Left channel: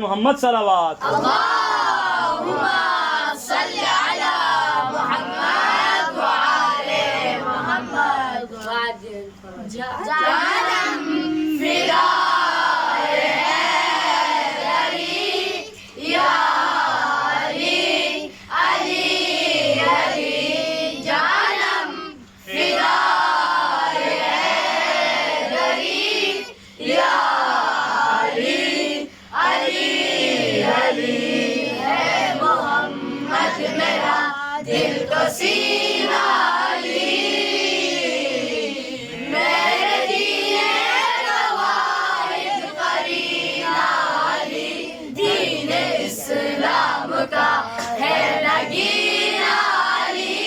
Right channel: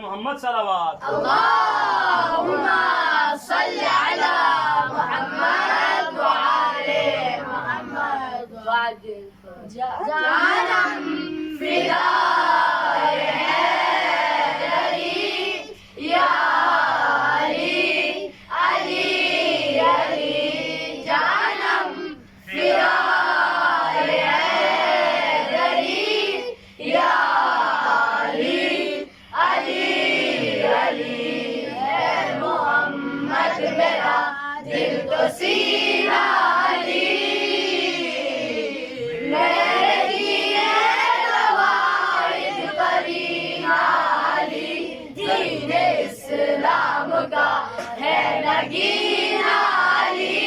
मोहम्मद सलावत अल्लाहुम्मा सल्ली अला मुहम्मद व आले मुहम्मद जानम फिदाए हैदरी या अली अली अली जानम फिदाए हैदरी या अली अली अली है मोहम्मद मेरा दिल तो सीना अली मेरे दिए कवाइद करीना अली दीन इस्लाम का है नगीना अली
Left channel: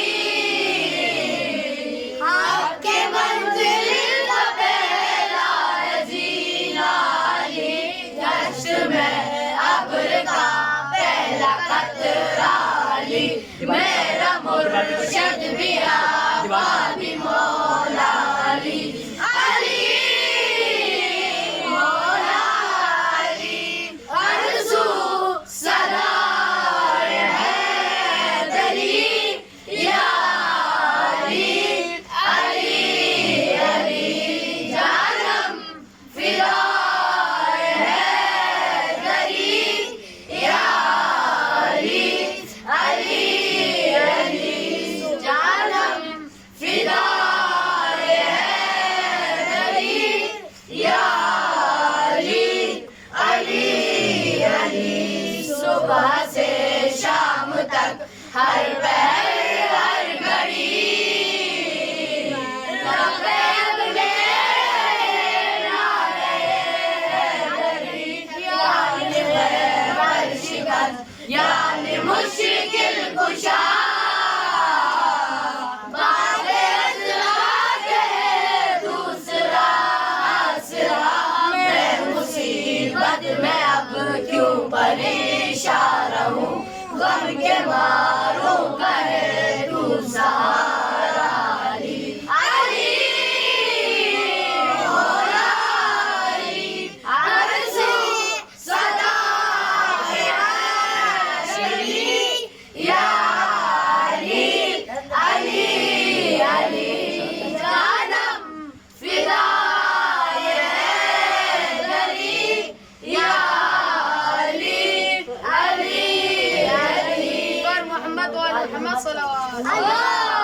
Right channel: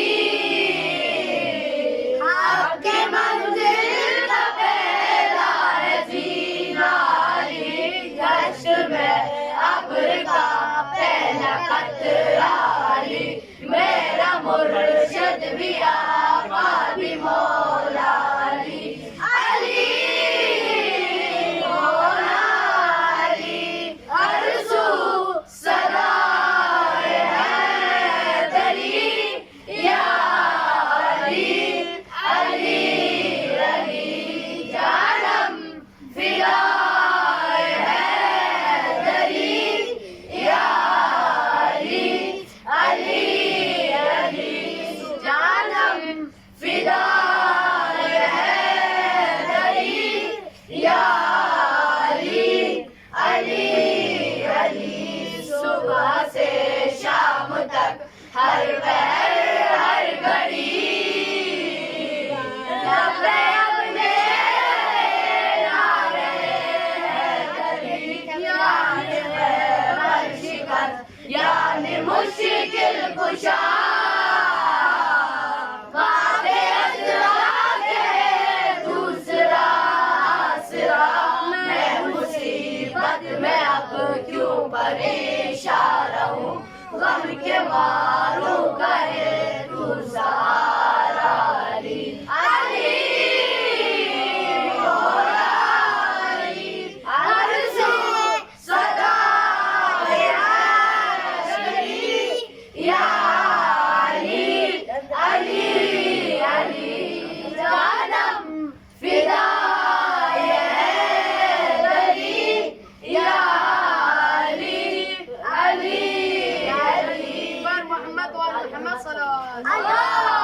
आपके मंजिल का पहला है जीना अली कश्त में अब्र का पहला कतरा अली मेरा मुर्शिद भी आका भी मौला अली अली मौला अली आरज़ू सदाए हैदरी या अली अली अली जानम फिदाए हैदरी या अली अली अली जानम फिदाए हैदरी या अली अली अली सुबह से शाम तक हर पहर हर घड़ी लबैक नारे हैदरी यानी है हर शिकस्त यानी मुश्किल कुशा बाबे अज़रा के दूसरा आसरा मैं मुसीबत में अब क्यों परेशान रहूं गम के मारों कहे